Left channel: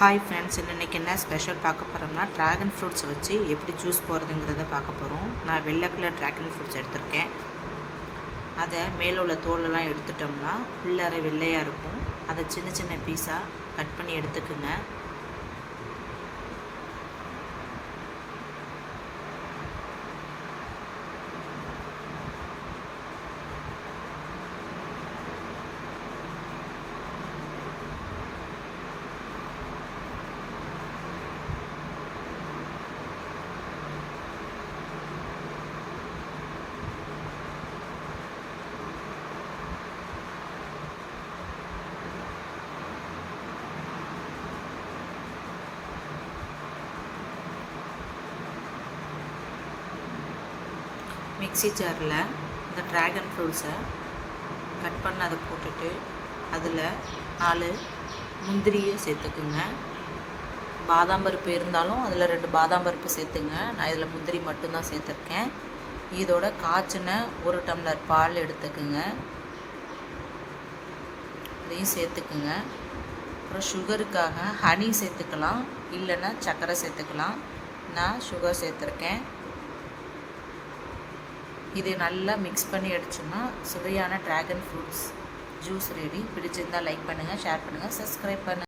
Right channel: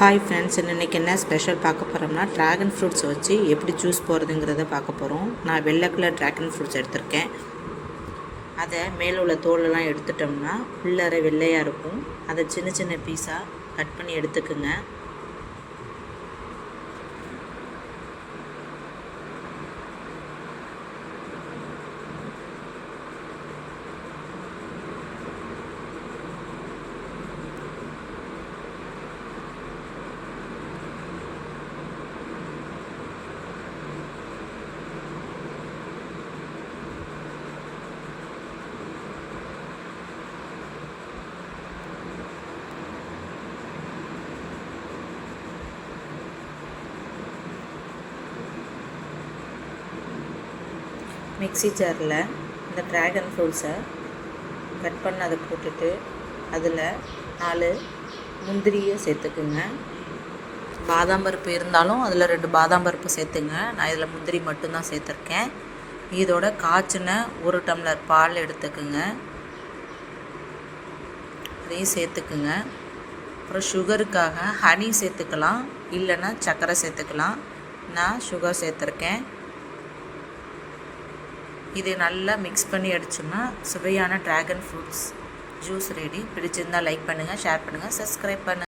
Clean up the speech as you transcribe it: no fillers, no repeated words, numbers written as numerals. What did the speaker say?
Hi friends, இன்றைக்கி என்ன special பார்க்க போகிறோம்னா ட்ராகன் ஃப்ரூட்ஸ் வச்சு எப்படி ஜூஸ் போடுறதுங்கிறத பார்க்க போகிறோம். நான் வெள்ளை கலர் ட்ராகன் ஃப்ரூட்ஸ் எடுத்திருக்கேன். அதை மேலே உள்ள தோலெல்லாம் எடுத்துட்டோம்னா உள்ளார வெள்ளையாக இருக்கும். அதை சின்ன சின்ன பீஸாக கட் பண்ணி எடுத்துக்குங்க. மிக்ஸி ஜாரில் இந்த ட்ராகன் ஃப்ரூட்ஸை கட் பண்ண அதை போட்டுட்டு அதில் 4 முந்திரியை சேர்த்துக்குங்க. பாதாம் பருப்பு இருந்தாலும் அதில் 2 பாதாம் பருப்பு சேர்த்துங்க. நான் இதில் முந்திரி மட்டும்தான் சேர்த்துருக்கேன். இதோட காய்ச்சின 1 டம்ளர் பால் எடுத்துக்குங்க, அதையும் சேர்த்துக்குங்க. அப்புறம் சுகருக்காக ஹனி சேர்த்துக்கலாம், இல்லைன்னா சர்க்கரை சேர்த்துக்கலாம். நான் சுகர் சேர்த்துருக்கேன். இதை நல்லா மிக்ஸ் பண்ணி அடிச்சோம்னா சுவையான ட்ராகன் ஃப்ரூட்ஸ் ஜூஸ் ரெடி. பிடிச்சிருந்தால் லைக் பண்ணுங்கள், ஷேர் பண்ணுங்கள், சப்ஸ்கிரைப் பண்ணுங்கள்.